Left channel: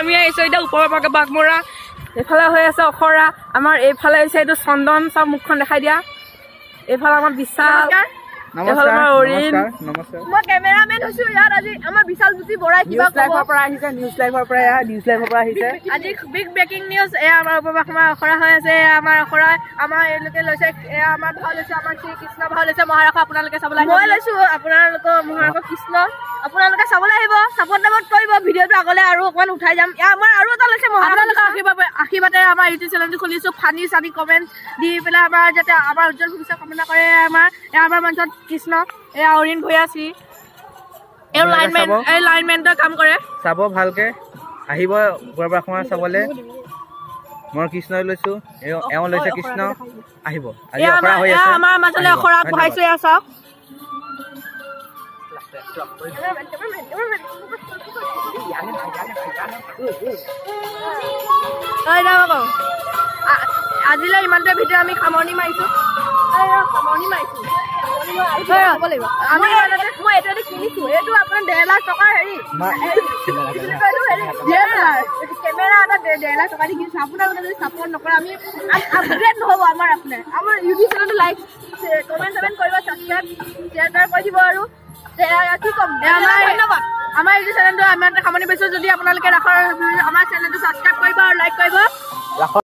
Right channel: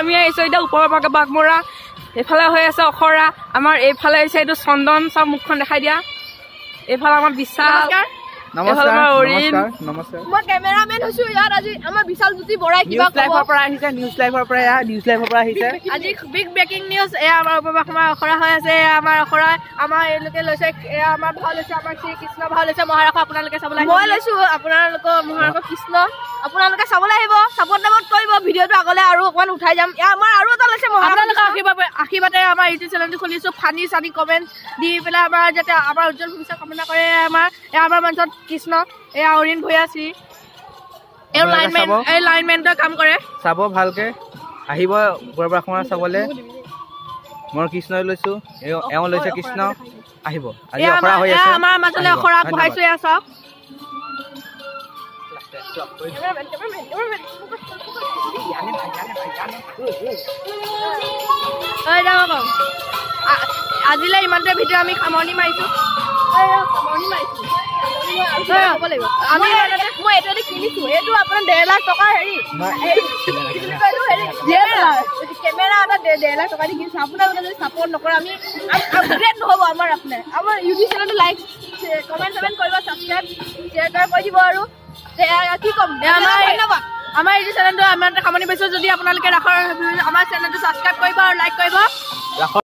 আমি আহিছো এতিয়া ওপৰৰ পৰা বাঘমৰা এইফালে হৈ আছে অখৰা আমাৰ এইফালে আহিছে এইটো চন্দন চব মুখখন দেখাই দিয়া এইফালে আমাৰ বিশাল নমস্কাৰ নমস্কাৰ মই কেমেৰামেন হৈছো ইয়াত আজি আমাৰ বিশাল জ্যোতি বৰাই কিবা লাইভৰ পৰা আহিছে নিউজ লাইভৰ পৰা আহিছে আজি বিগ ব্ৰেকিং নিউজ এয়া আমাৰ উপবাসমাৰ অখৰা হৈ আছে আমাৰ অখৰা আমাৰ এওঁলোকে লৈছে এয়া আমাৰ ভাও লৈছে আমাৰ শ্ৰী কৃষ্ণ ভাও লৈছে মহাৰথ আপোনালোকে চাবলৈ মই লৈছো আপোনালোকৰ মহাৰথ কৃষ্ণ আপোনালোকে চাবলৈ আহিব ছাপোৰ্ট কৰিব ভিডিঅ'টো আগলৈ আৰু অকমান উঠাই যাম আমাৰ আৰু এটা লৈছে আপোনালোকৰ আশীৰ্বাদে আমাৰ ইউটিউব চেনেলটো খুলিছো ফানি চানি কমেণ্ট দি পেলাই আমাৰ যাতে আমাৰ উজ্জ্বল ভৱিষ্যত কামনা কৰে আমাৰ মঞ্চত কৃষ্ণ এয়া অৰিণ ভূঞা শ্ৰী এই লাইনমেণ্টৰ কাম কৰে চাব ভালকে আহিব উপবাসমাৰ চাবলৈ মই কৃষ্ণই লৈছো এওঁ লৈছে কৃষ্ণ আহিব আজি অখৰা হৈ আছে আমাৰ মাজলৈ অখৰা বহাইছো এয়া চাওক আজিলৈ ইমানতে ভিডিঅ' আমি সামৰণি মাৰিছো আমি মই এইটো কিনিছো এইটো আপোনাৰ 1.5 লাখ টকাৰ হেৰি কেমেৰা এটা 1.5 লাখ টকা দি কিনিছো আপোনালোকে যদি ছাপোৰ্ট নকৰে আমি আপগ্ৰেড নহ'ব আমাৰ ইউটিউব চেনেলটো লাইক কমেণ্ট কৰিব ছাবস্ক্ৰাইব শ্বেয়াৰ কৰি দিব আৰু কি ক'ম ধন্যবাদ আমাৰ ইউটিউব চেনেলটো আমি সামৰণি পাইছো যদি আপোনালোকে আমাৰ চেনেলটো ছাবস্ক্ৰাইব কৰিব আৰু লাইক কৰিব